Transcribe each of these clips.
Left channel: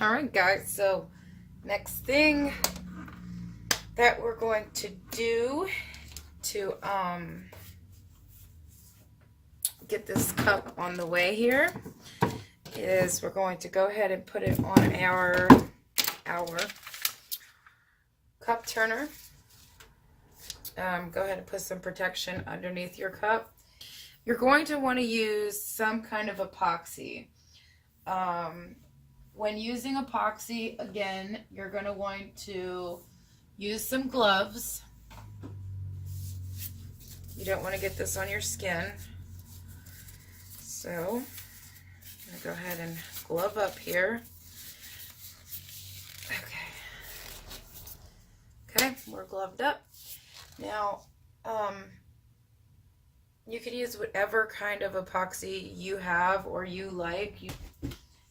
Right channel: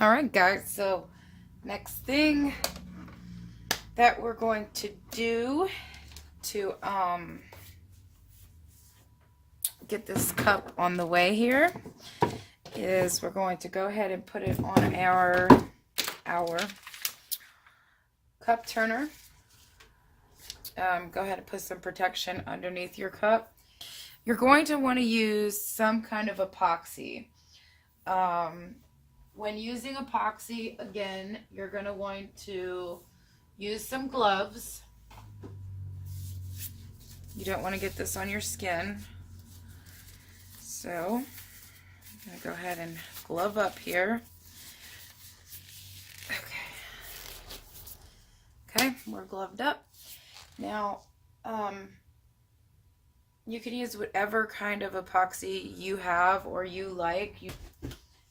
All right, guys, so next thing that we're going to do to get this cup on the way here is we're going to go ahead and put it on our cup turner. Go ahead and put some protection underneath your cup. You're going to want to use some kind of epoxy. When using epoxy, again, you're going to want to use some gloves. You don't want to get this on your skin. So, I'm going to go ahead and glove up here. Okay, we're gloved up. Now, you can use whatever kind of epoxy you have or you like.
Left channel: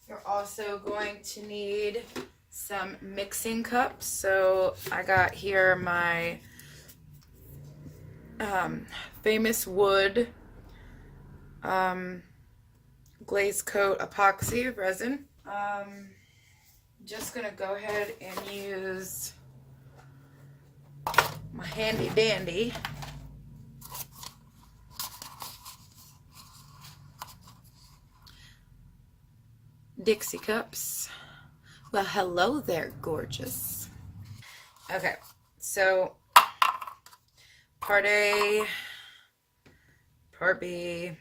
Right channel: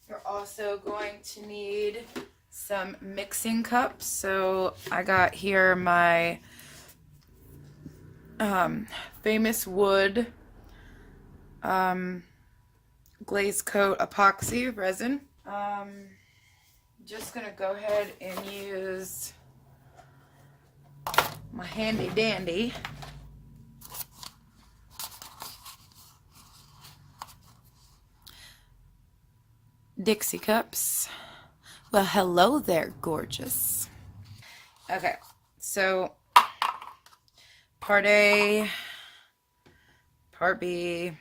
You're also going to need some mixing cups. So I got here my Famous Wood glaze coat epoxy resin. Just gonna go ahead and use my handy dandy Dixie cups. Well, hello there, gorgeous. Okay, so part A, part B,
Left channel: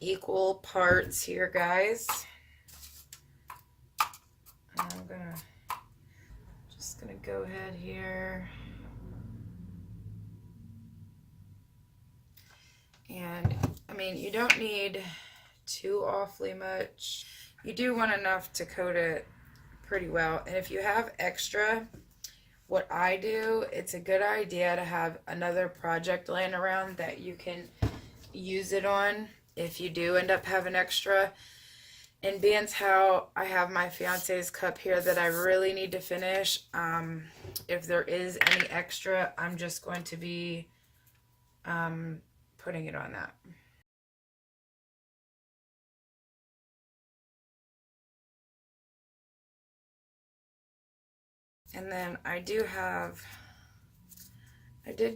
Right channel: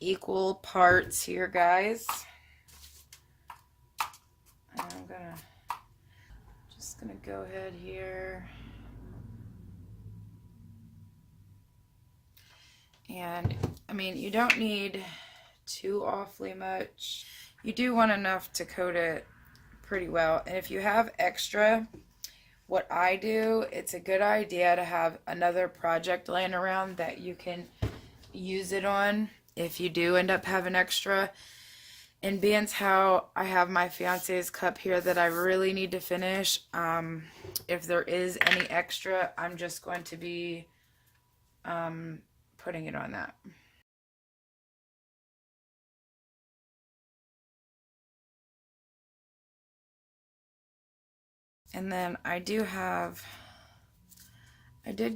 equal parts here, guys. I'm just gonna go ahead here and I mean, you don't need too awfully much. You do want enough to coat it pretty well. And if you have extra, what I do, it's a good idea to have another project laying around that you can use it on if you do end up having extra. And being how I have my fiance's cup here that I really need to finish, if there is any extra, I'm just going to be putting it on that. And then I did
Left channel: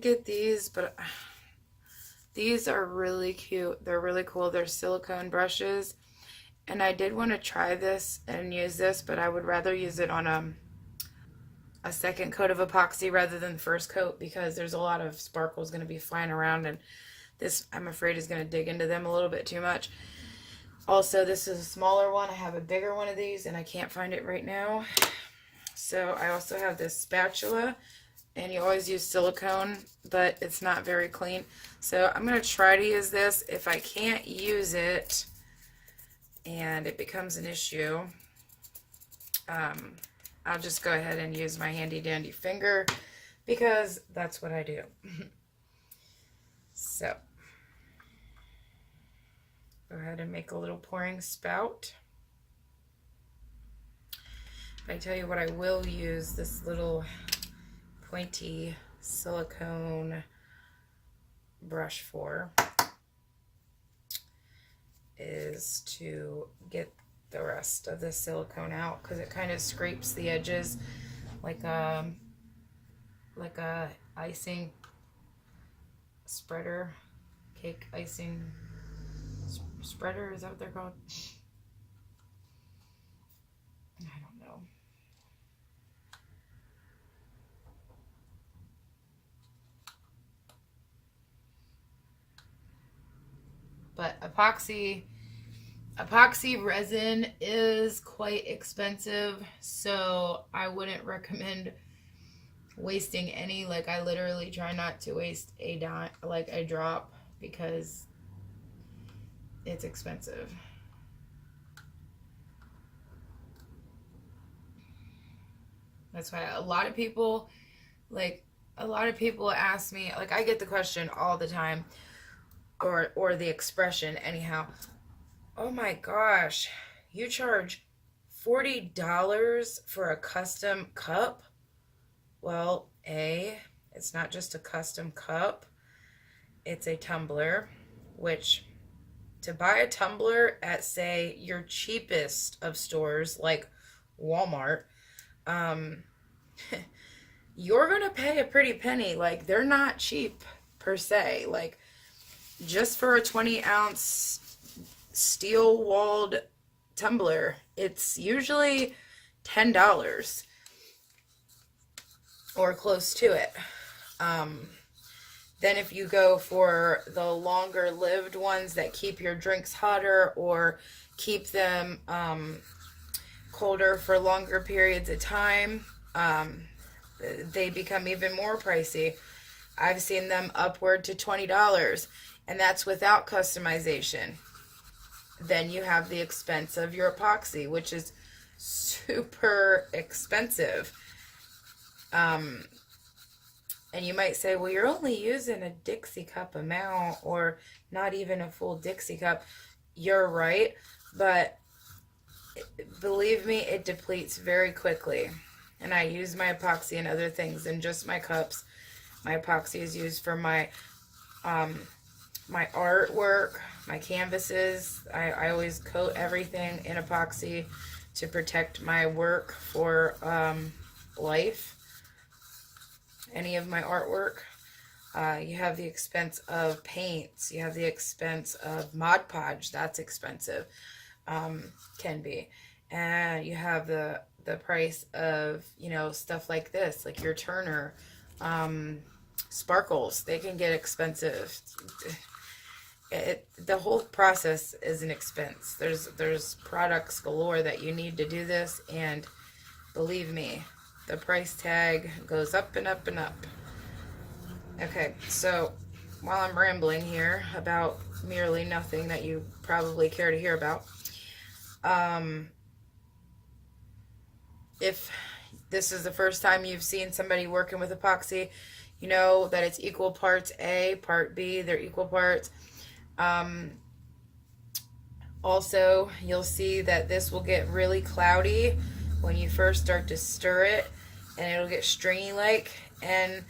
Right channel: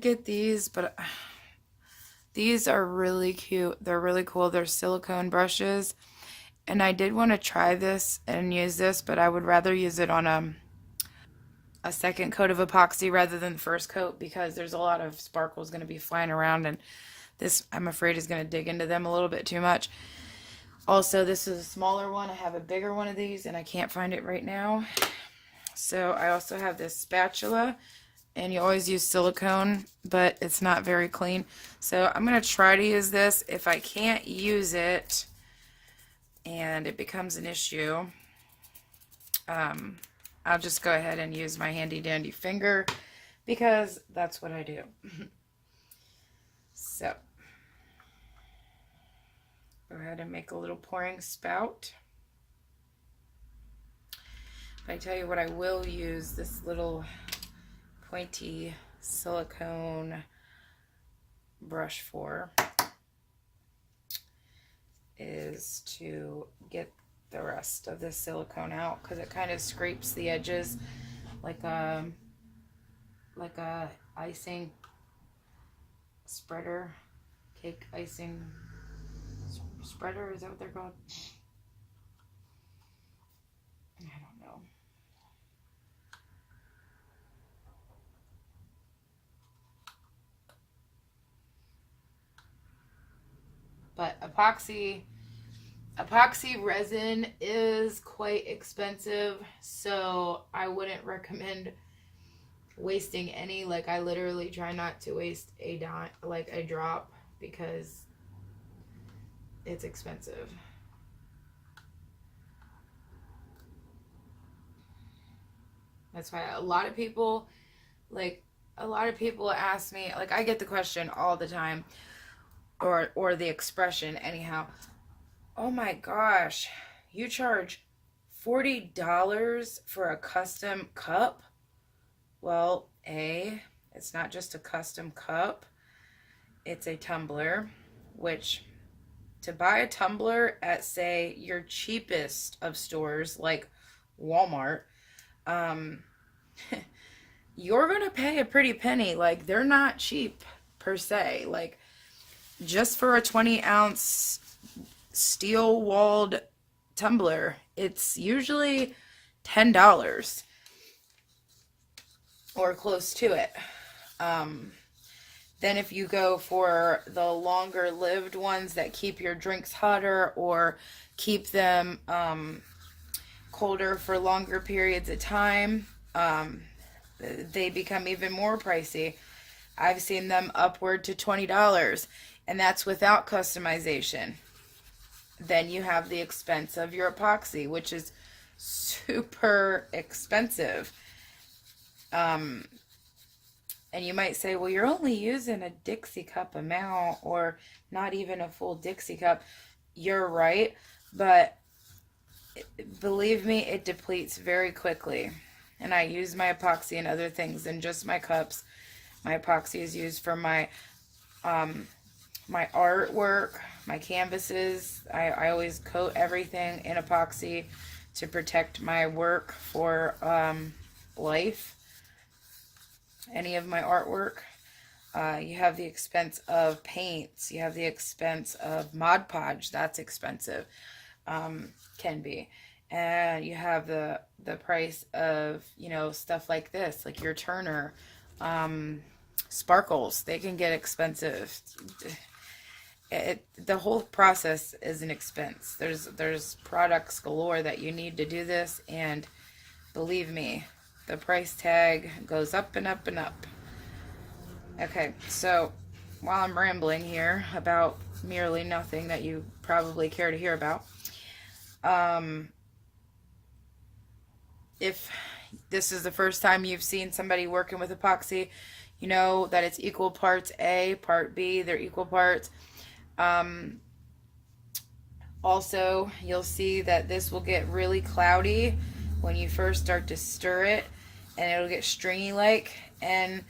get these, but these are really cute. They're really cool. They're silicone brushes. And I did want to try this and use this, but I would rather use it on a second coat of epoxy rather than the first coat because there's a lot of sparkles going to be flying around, and this, I'm afraid, is going to dig into them a little bit too much. Also, this is a smaller one. I have a bigger one of these, and I can't find it right now. So I also have this spatula, and you always use silicone, but it's not very clean. So I'm going to try to use this. If I can't use it and it becomes an issue, I'll just go ahead and use my handy dandy finger because that's what I do. So go ahead and make a little pouring spout. I tell you what I will use this little pointy silicone brush for is to get the rest of the silicone out because it kind of scrapes the edges like a icing spreader, cake icing spreader, is that what they're called? I don't know. But epoxy resin is quite expensive, so I wouldn't recommend wasting any. Like, I literally try not to waste a drop because it's expensive. That's why a lot of people ask me, like, I get the question all the time, or the expression anyhow, oh my gosh, you charge $40 for a custom cup? Well, it's not just a custom cup, it's a tumbler, which to buy a tumbler at, say, your cheapest of stores like Walmart, you're going to pay a pretty penny. Like, they're not cheap per se. Like, just for a 20-ounce steel walled tumbler, it's usually $10 or close to it. Then if you go for the longer lived ones that keep your drinks hotter or keep them colder for longer periods of time, they become even more pricey. I've seen them upward to $20, and that's without customization. Then you have the expense of your epoxy, which is super expensive. And you might say, well, you're only using a Dixie cup amount or not even a full Dixie cup. You're right, but believe me, it depletes very quickly. And I use my epoxy and other things in just my cups. My epoxy is used for my my artwork, my canvases. I always coat everything in epoxy to protect my work for life. Any of my artwork. You have the expense of paints. You have the expense of Mod Podge. That's expensive. Can be. And you have the price of, you know, stuff like this, like your Turner. Sparkles. They can get expensive. The whole process is an expense. There's products galore that you need to do this, and believe me, the price tag goes up and up and up. Okay, so while I'm rambling here about merely nothing that you probably care to hear about, if this is the first time you've seen somebody working with epoxy, you know that it's equal parts A, part B, they're equal parts. Also, you'll see that this will get really cloudy when you first start to stir it, and it'll get stringy like, and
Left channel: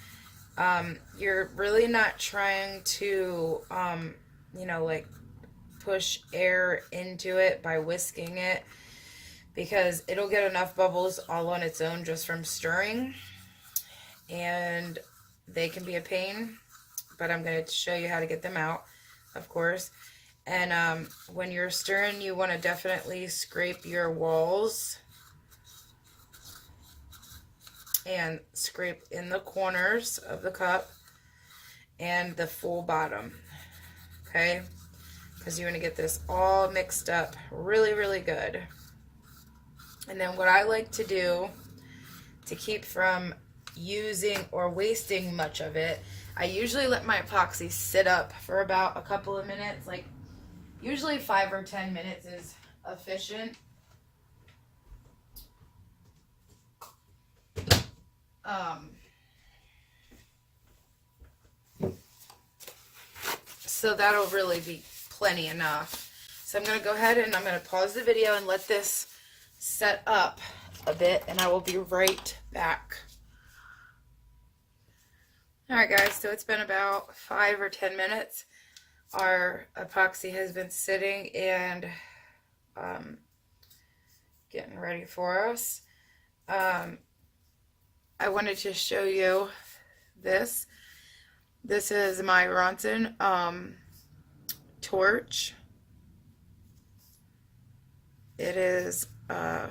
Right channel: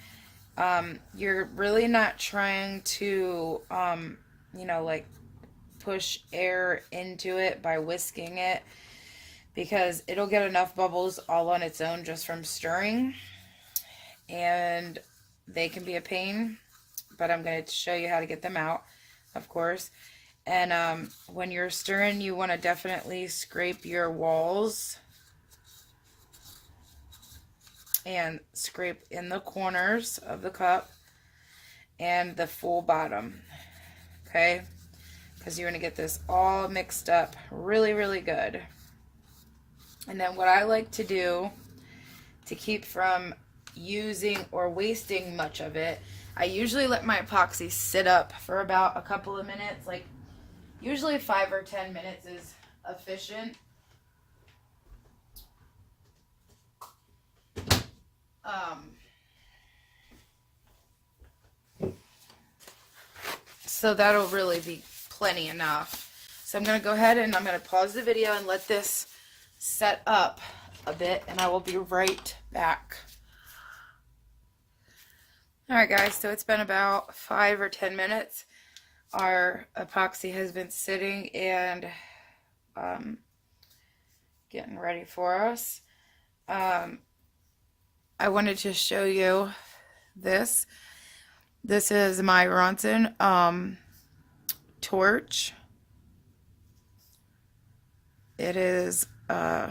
you're really not trying to you know, like push air into it by whisking it, because it'll get enough bubbles all on its own just from stirring, and they can be a pain, but I'm going to show you how to get them out, of course. And when you're stirring, you want to definitely scrape your walls and scrape in the corners of the cup and the full bottom, okay? Because you want to get this all mixed up really, really good. And then what I like to do to keep from using or wasting much of it, I usually let my epoxy sit up for about a couple of minutes, like usually 5 or 10 minutes is efficient. So that'll really be plenty enough. So I'm going to go ahead and I'm going to pause the video and let this set up a bit, and I will be right back. Alright guys, so it's been about 5 or 10 minutes. Our epoxy has been sitting and getting ready for us. I wanted to show you this. This is my Ronson torch. It is a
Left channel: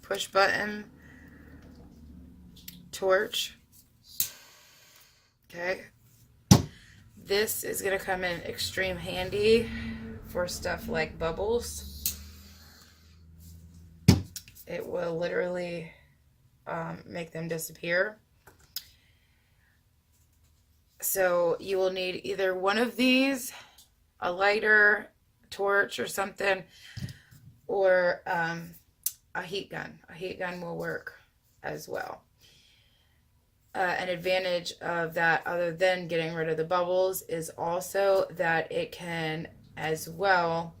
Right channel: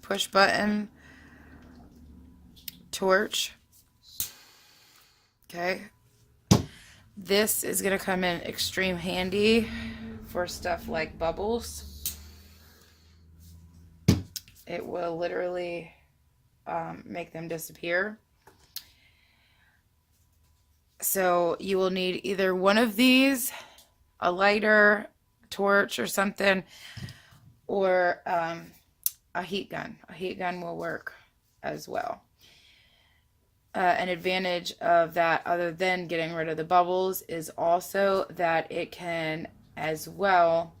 push button torch. Okay. This is going to come in extreme handy for stuff like bubbles. It will literally make them disappear. So you will need either one of these, a lighter, torch or something, or a heat gun. A heat gun will work as well. An advantage of that, other than getting rid of the bubbles, is also that it can as well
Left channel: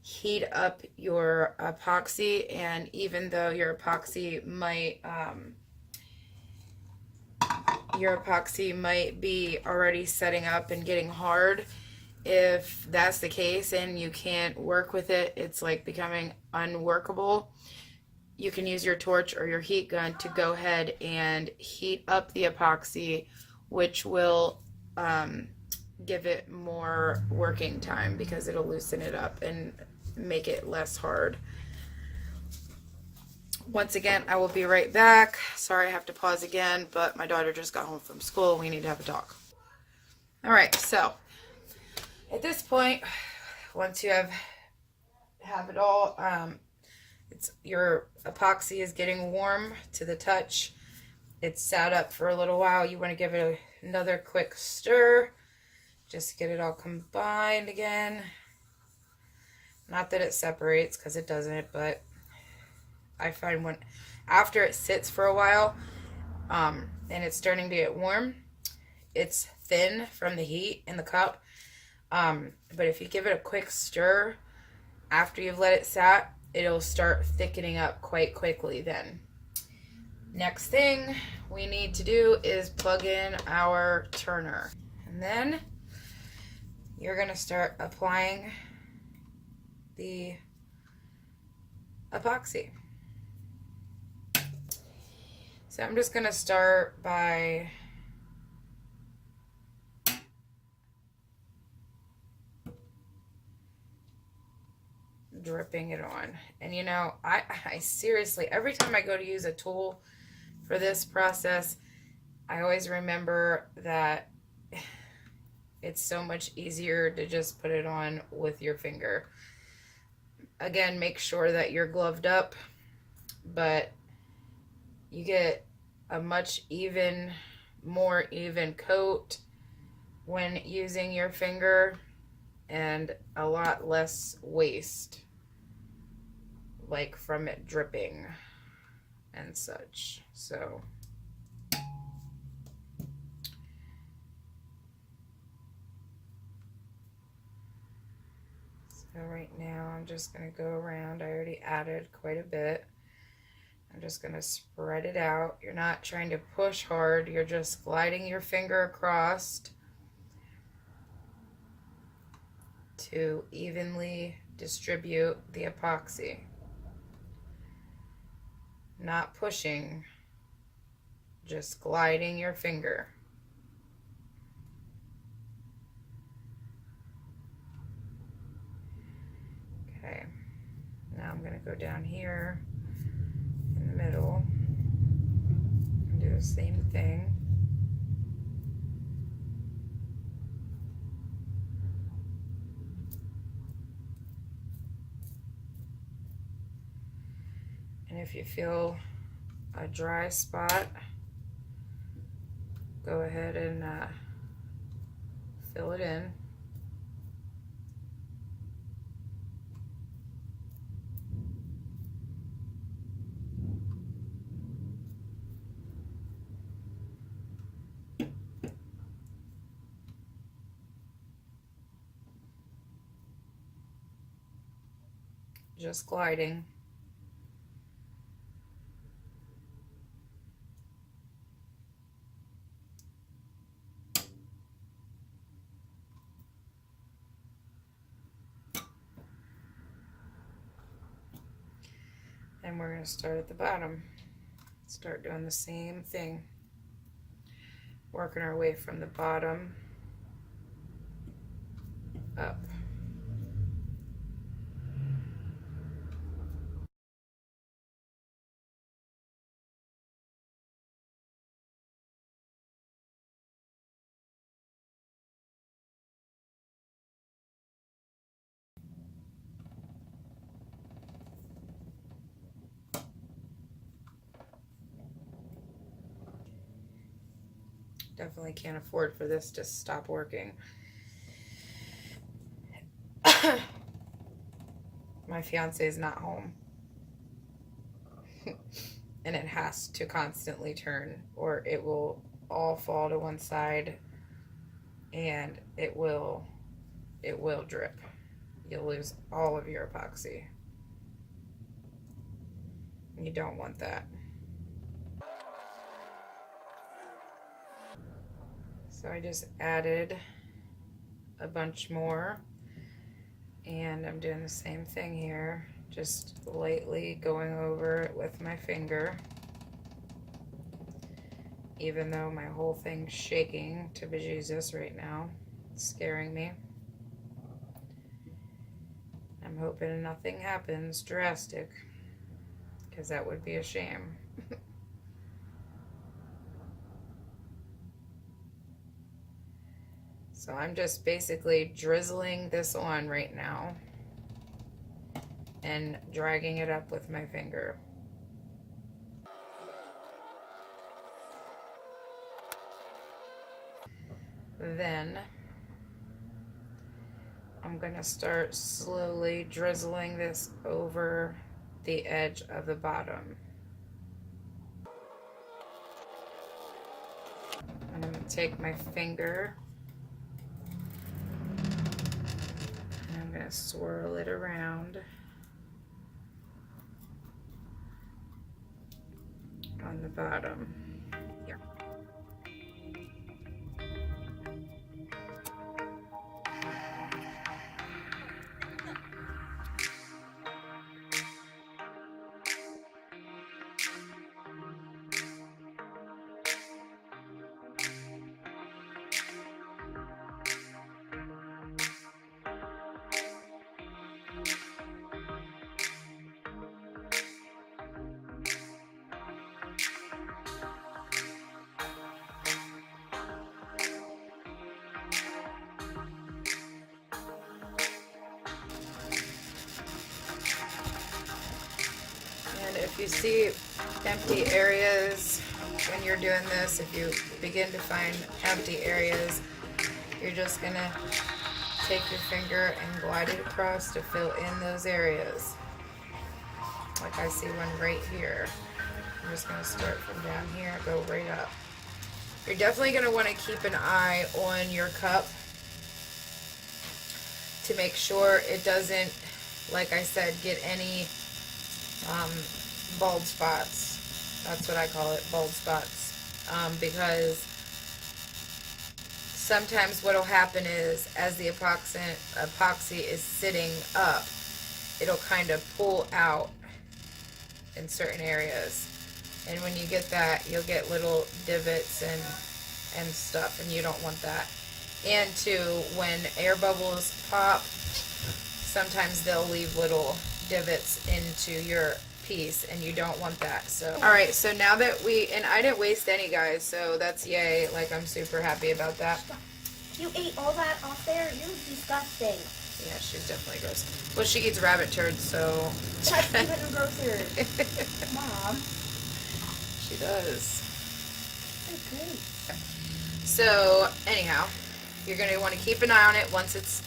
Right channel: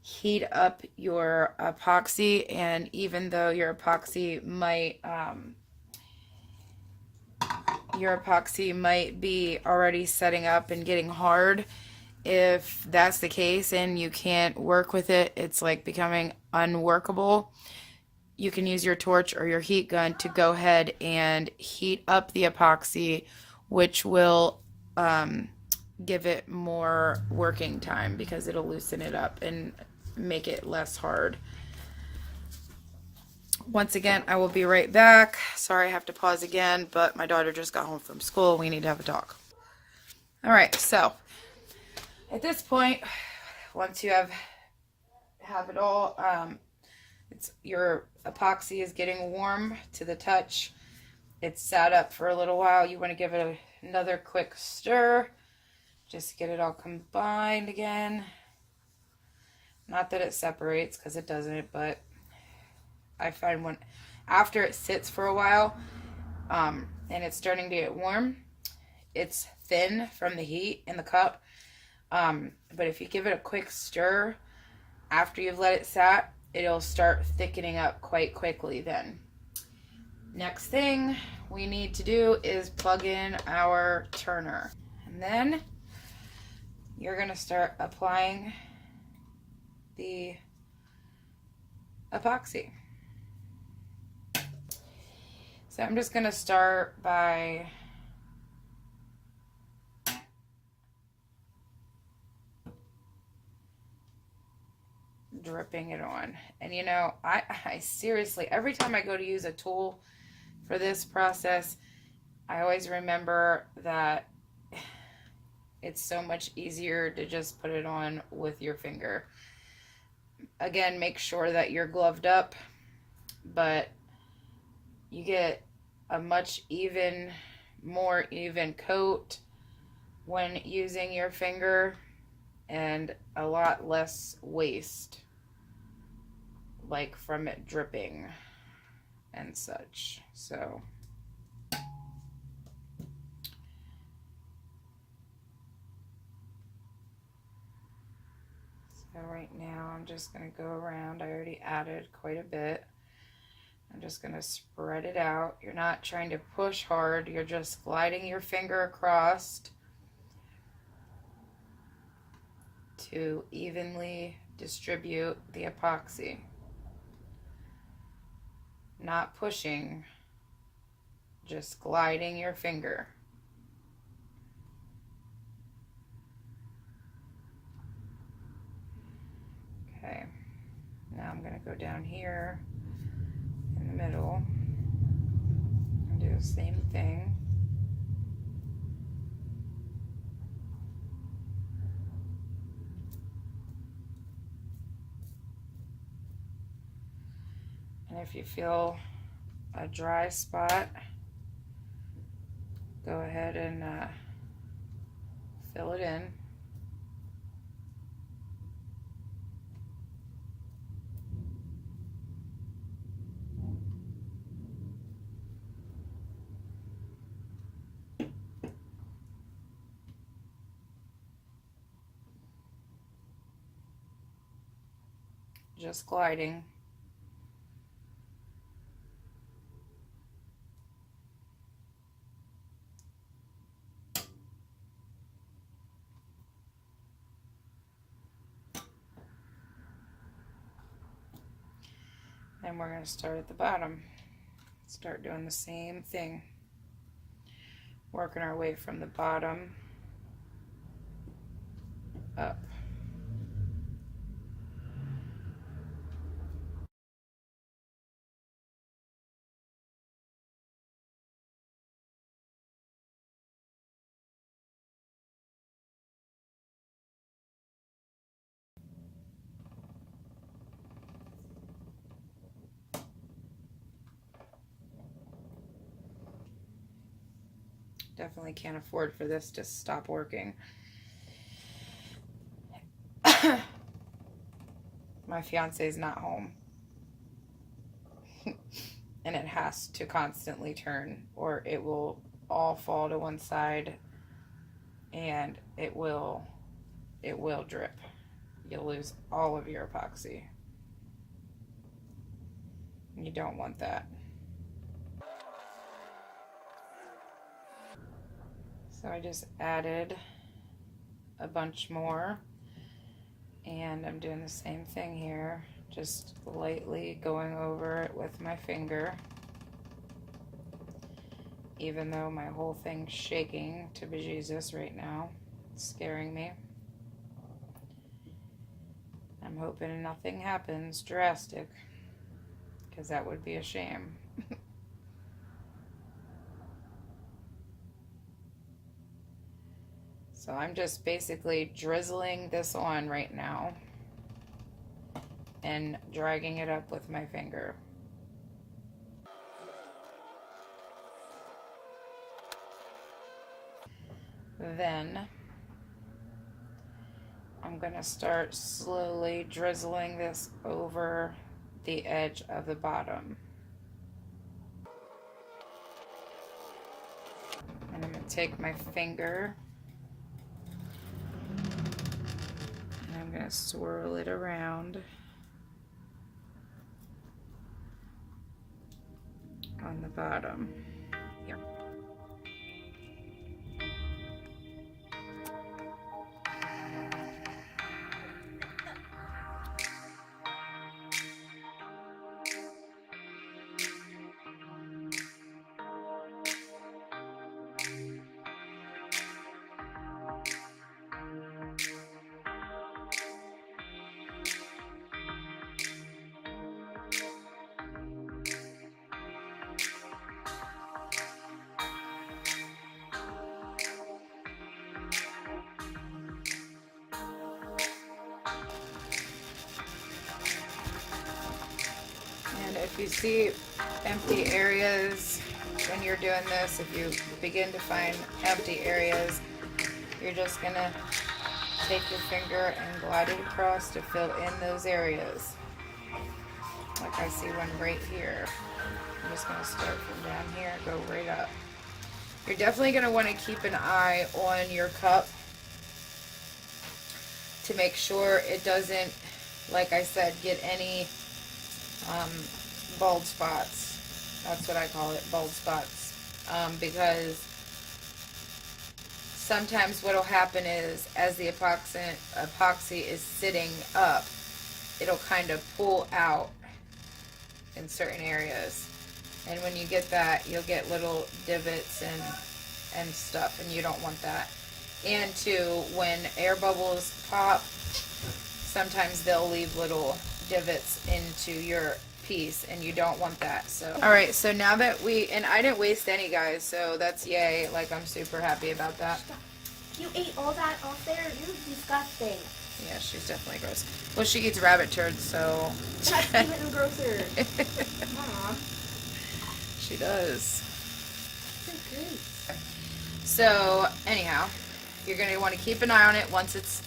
heat up your epoxy. And even though your epoxy might be already setting up and getting hard, if that's the case and you can't work with it, it's like becoming unworkable, you can use your torch or your heat gun to go ahead and heat up the epoxy, which will give it more working time because it'll loosen it up and make it less hard. Once again, I will be right back. Sorry I have to pause again, but my daughter just got home from school. We need to have a talk. All right, so at this point, once you have it all, it's your epoxy is getting warm to the touch. It's sat up for a little while. You want to give it another quick stir just to get it all combined again. Not that it separates, because it doesn't, but I find when after it sits for a while and it's starting to get warm, it's thin from the heat in the cup. But if you give it a quick stir after you've let it sat, it'll start thickening up quite quickly then. Next thing we need to do is plug in our turner. And then you're going to start applying the epoxy. So I'm just going to start by dripping it on. And you know, I seriously, every time I go to use a tool for this process, I always remember that it's so much easier to just put it on with your finger. Again, make sure that you're gloved up, but you get a much more even coat when using your finger and a lot less waste, like from it dripping and such. So right now I'm just going to go around. I already added quite a bit. I'm just going to spread it out. You're not trying to push hard. You're just gliding your finger across to evenly distribute the epoxy. Not pushing, just gliding your finger. Okay, now I'm going to go down here in the middle and do the same thing. And if you feel a dry spot, go ahead and fill it in. Just gliding. And we're going to start at the bottom. Start doing the same thing. Working our way from the bottom up. Definitely can't afford for this to stop working. My fiance is not home. And it has to constantly turn or it will all fall to one side and it will drip. You'll lose all of your epoxy. You don't want that. So I just added a bunch more and I'm doing the same thing here, Just lightly going over it with my finger. Even though my whole thing's shaking to bejesus right now. It's scaring me. I'm hoping nothing happens drastic, because that would be a shame. So I'm just basically drizzling this on right now and dragging it up with my finger. Then I'm going to start slowly drizzling this over the edge of the bottom. I'm going to take my finger and I'm going to swirl it around on the bottom. Here. And if you see empty areas when you're doing this, if you begin to find empty areas, you're just going to take your finger and glide it across to fill in those areas. Like I see one right here. I'm just going to start from down here, go right up. You're definitely going to want to keep an eye on your cup to make sure it doesn't, like I said, get any bald spots. That's what I call it, bald spots. Because sometimes what will happen is, as the epoxy is sitting up, it'll kind of pull out in certain areas. And when you get that, you'll get little divots and stuff, and you don't want that. And too, when air bubbles pop, sometimes they'll leave little divots into your piece, and you don't want that. So alright, so now that and I didn't waste any, guys, so that's yay. Like, I'm super happy about that. You ate all that off there? You're disgusting. Yeah, she's definitely gross. Well, she eats rabbit turds, so That's even grosser. Mom. She does. Okay. So anyhow, you're going to want to keep an eye on it once it's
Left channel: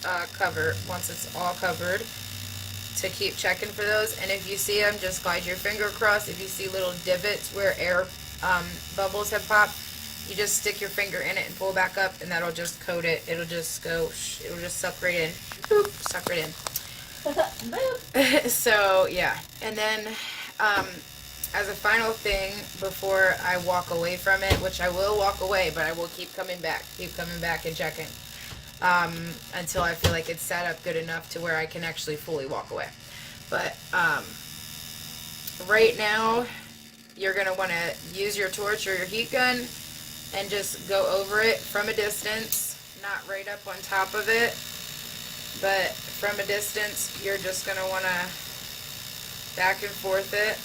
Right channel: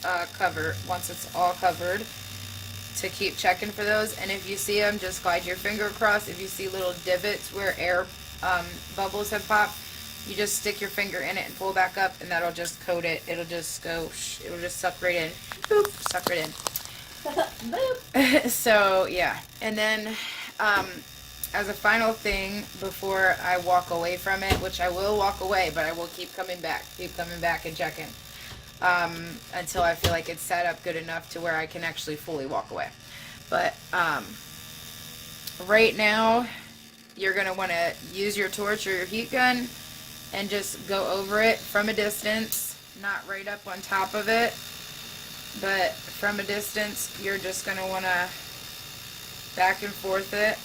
all covered, to keep checking for those. And if you see them, just glide your finger across. If you see little divots where air bubbles have popped, you just stick your finger in it and pull back up, and that'll just coat it. It'll just go, it'll just suck right in. Boop, suck right in. Boop. So yeah, and then as a final thing before I walk away from it, which I will walk away, but I will keep coming back and checking until I feel like it's set up good enough to where I can actually fully walk away. But right now, you're going to want to use your torch or your heat gun and just go over it from a distance, not right up on top of it, but from a distance. You're just going to want to back and forth it.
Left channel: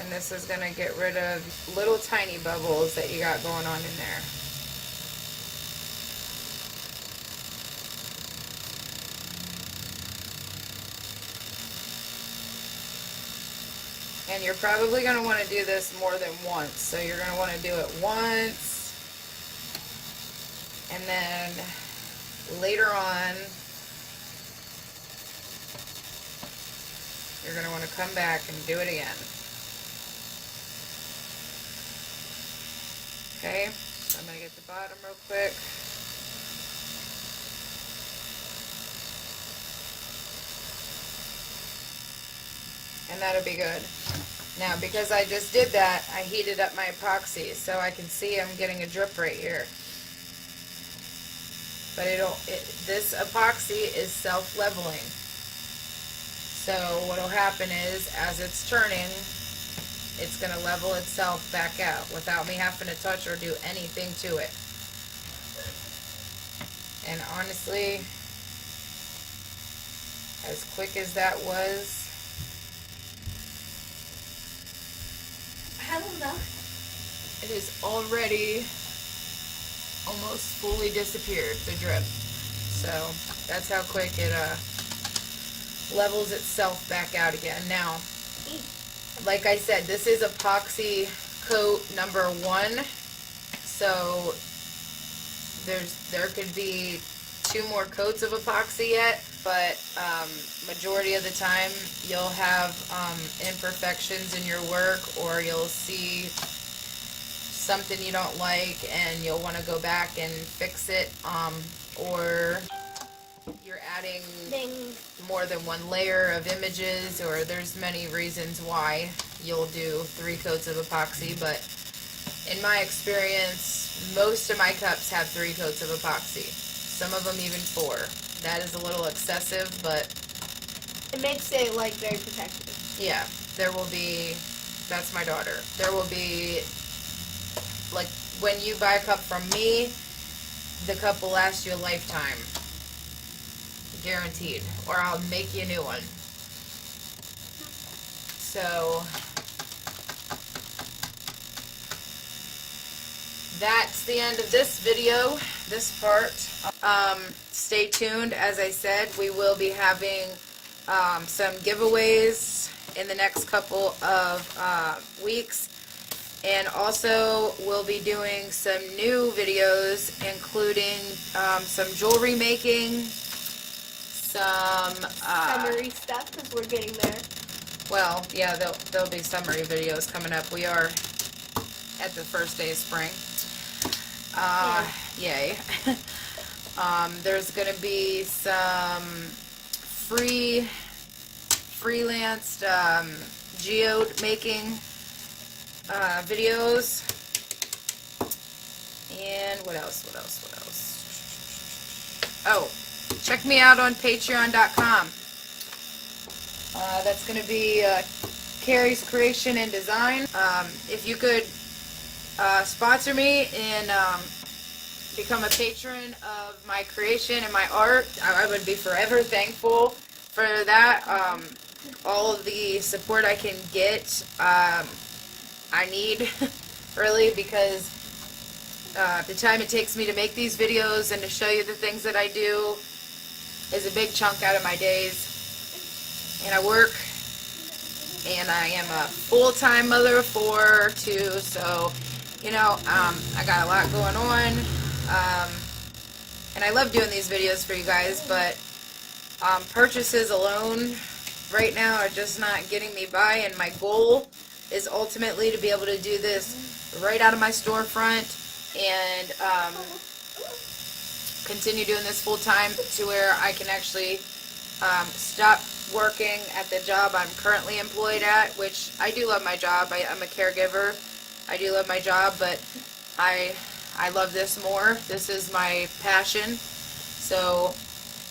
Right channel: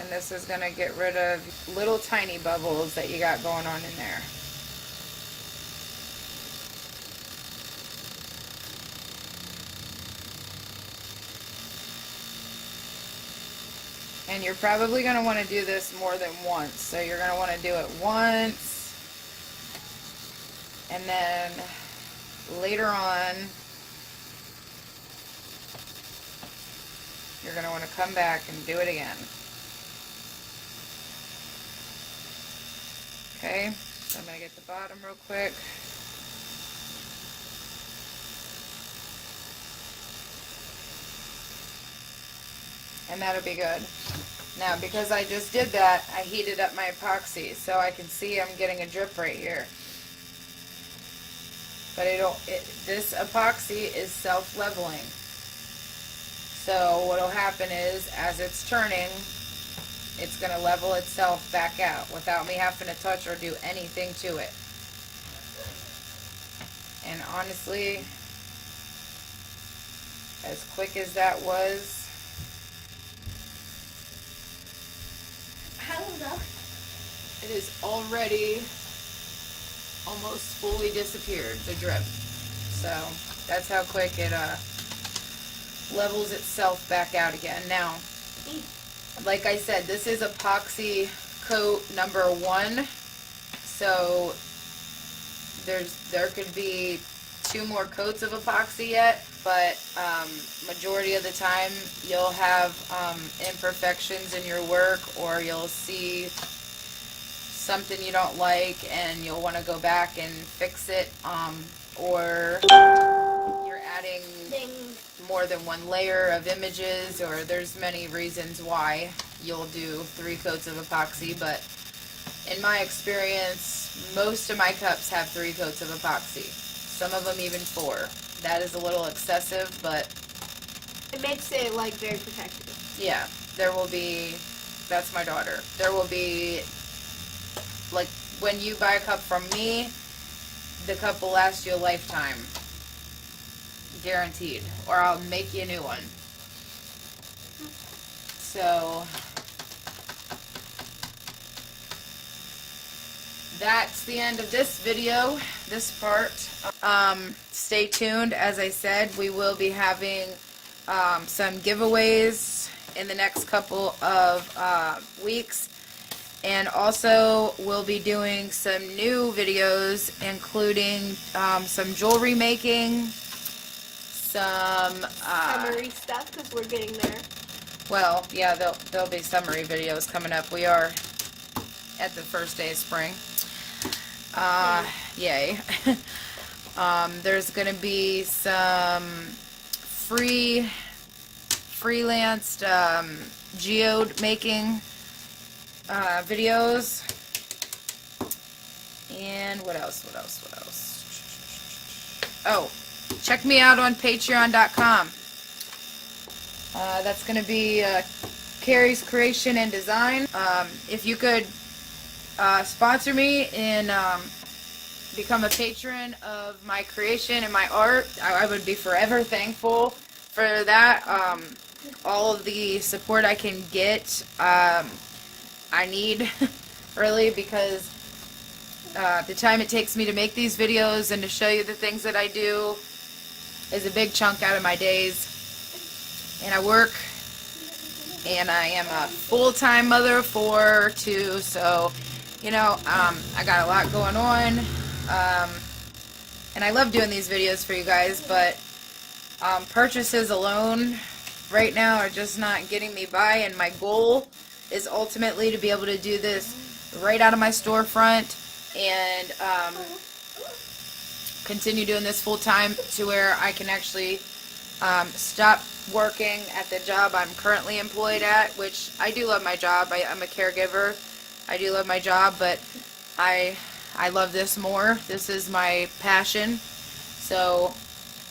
And this is going to get rid of little tiny bubbles that you got going on in there. And you're probably going to want to do this more than once. So you're going to want to do it once, and then later on, you're going to want to come back and do it again. Okay, so I'm going to get the bottom real quick. And that'll be good. Now, because I just did that, I heated up my epoxy, so I can see I'm getting a drip right here. but this epoxy is self-leveling. So what'll happen is, as it's turning, it's gonna level itself back out without me having to touch or do anything to it. And honestly, as quick as that was, I don't know. it is already almost fully disappeared, the drip. So that's how quick it levels itself back out again. Now, like I said, this is epoxy coat number 1, so there could be 2 more coats of epoxy yet, but majority of the time you'll have imperfections in your work, or you'll see something you don't like and you'll want to go back and fix it, or you're adding more than 1 layer of images, or there's many reasons why you'll do 3 coats of epoxy. But in my experience, most of my cups have 3 coats of epoxy, some of them even 4. That is a little excessive, but It makes it like very protective. yeah, there will be, that's my daughter, there will be, like, when you buy a cup from me, the cup will last you a lifetime. Guaranteed. Or I'll make you a new one. So, that's the end of this video, this part. Stay tuned. As I said, we will be having some giveaways in the next couple of weeks. And also, we'll be doing some new videos, including some jewelry making, some Summary stuff, because we're getting there. well, yeah, there'll be summary videos coming up. We are at the first day of spring. Yay. There's gonna be some freelanced geode making videos. And what else? Oh, check me out on patreon.com. That's going to be Carrie's Creation and Design. If you could sponsor me and become a patron of my creation and my art, I would be forever thankful for that. All of the support I can get, I need, really, because the time it takes me to make these videos and to show you the things that I do is a big chunk out of my days. And I work, and I am a full-time mother of 4 too, so, you know, I got a lot going on, and I love doing these videos for you guys, but purchases alone right now are just not getting me by, and my goal is ultimately to be able to do this right out of my storefront and continue doing this full-time to where I can actually stop working at the job I'm currently employed at, which I do love my job. I'm a caregiver. I do love my job, but I love this more. This is my passion. So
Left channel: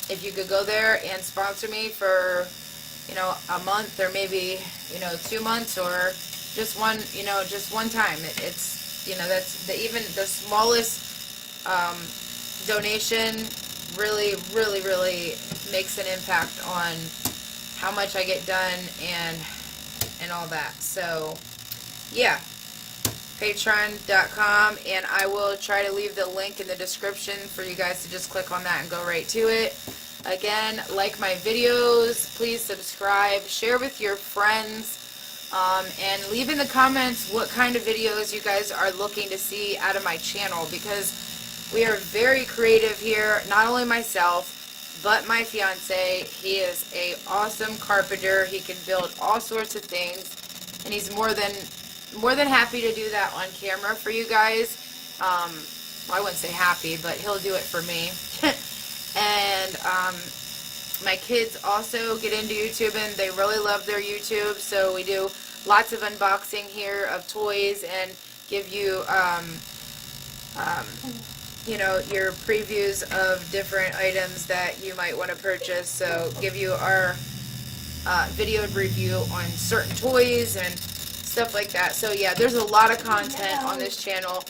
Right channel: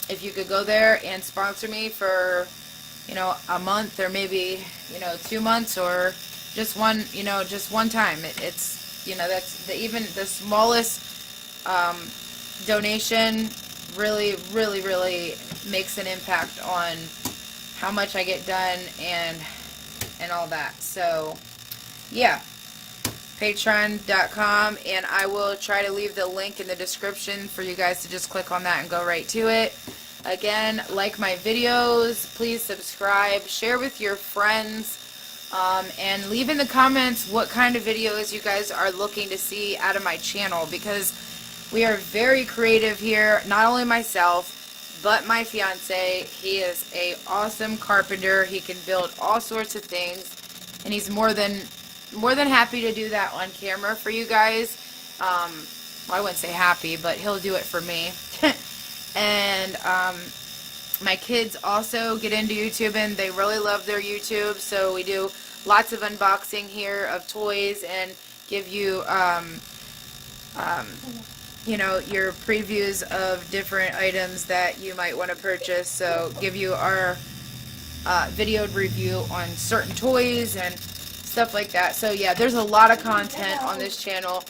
if you could go there and sponsor me for, you know, a month, or maybe, you know, 2 months, or just one, you know, just one time. It's, you know, that's even the smallest donation really, really, really makes an impact on how much I get done and all that. So, yeah, patreon.com, and I will try to leave the link in the description for you guys to just click on that and go right to it. Again, like my videos, please subscribe, share with your friends, and leave in the comments what kind of videos you guys are looking to see out of my channel, because we are very creative here. Not only myself, but my fiance. He is a awesome carpenter. He can build all sorts of things, and he's more than happy to do that on camera for you guys. Well, I wouldn't say happy, but he'll do it for me. And my kids also get into YouTube, and they really love their YouTube, so we do lots of unboxing here of toys and give you you know, your previews of different items that you might want to purchase. So give you our video review on certain toys and stuff like that. So yeah, there's a lot of content on this channel,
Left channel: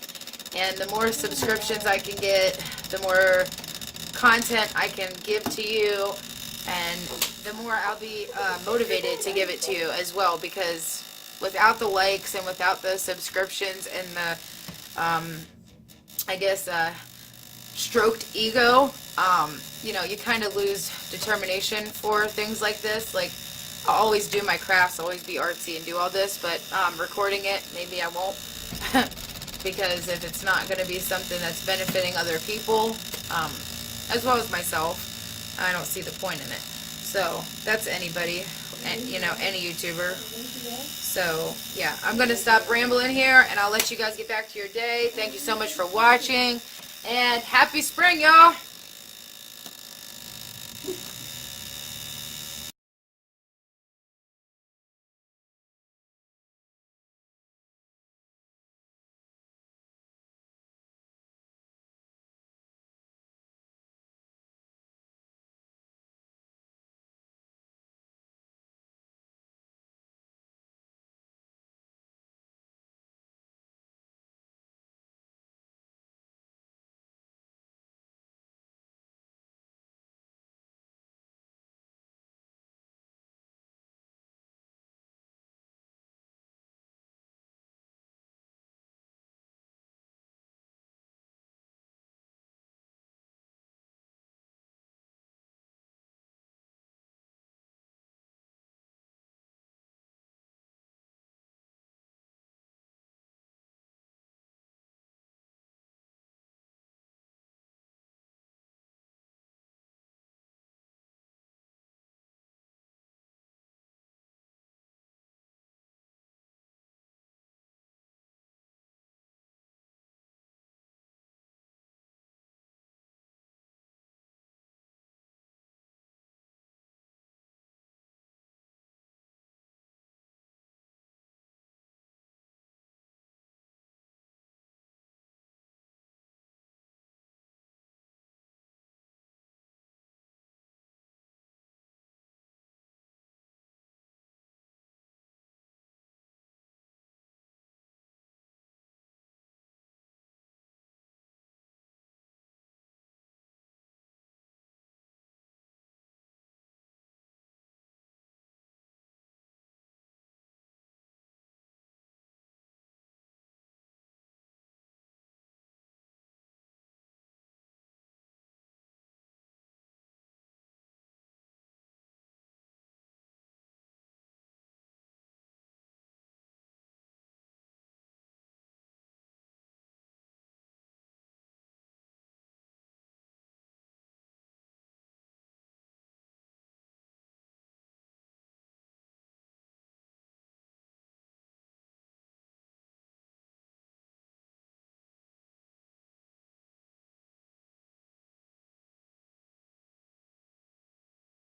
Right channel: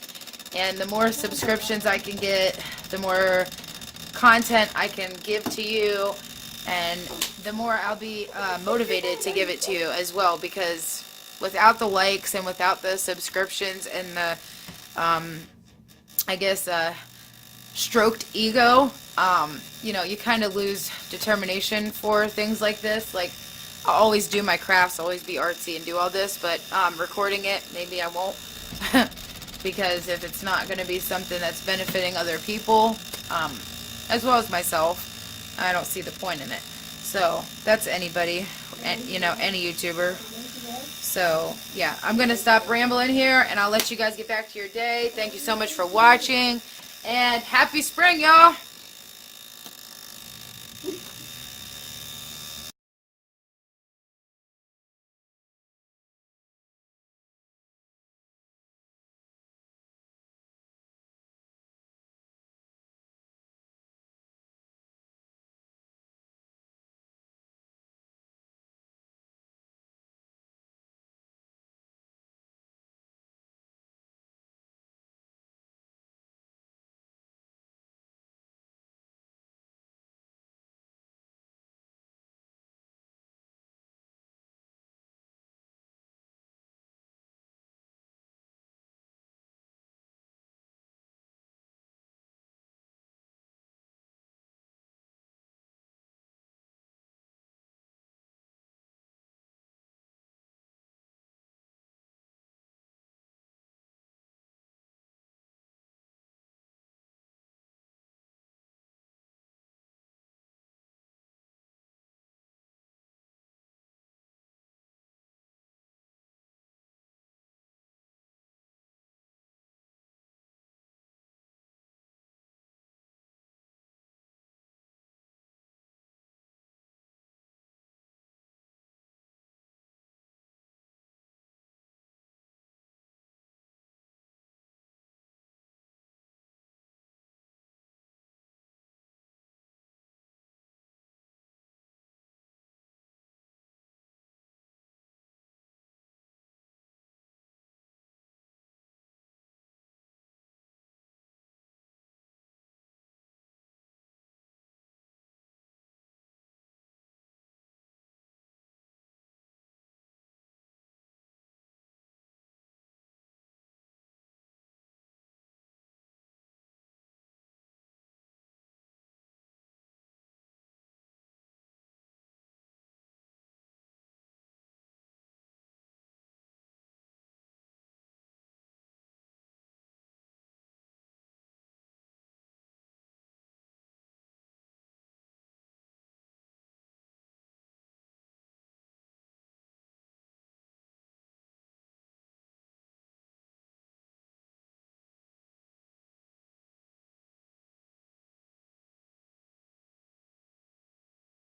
and the more subscriptions I can get, the more content I can give to you, and the more I'll be motivated to give it to you as well, because without the likes and without the subscriptions and the I guess stroked ego, you know, you kind of lose determination for things like this. Like, I'll always do my crafts, always be artsy and do all this, but recording it, maybe I won't. Because if it's not going to be something that's benefiting other people, as well as myself, I don't see the point in it. So, that's anybody, and you know, any YouTuber. So, yeah, I'm going to stop rambling here, and I'll let you guys get back to your day. Thank you so much for watching, and happy spring, y'all!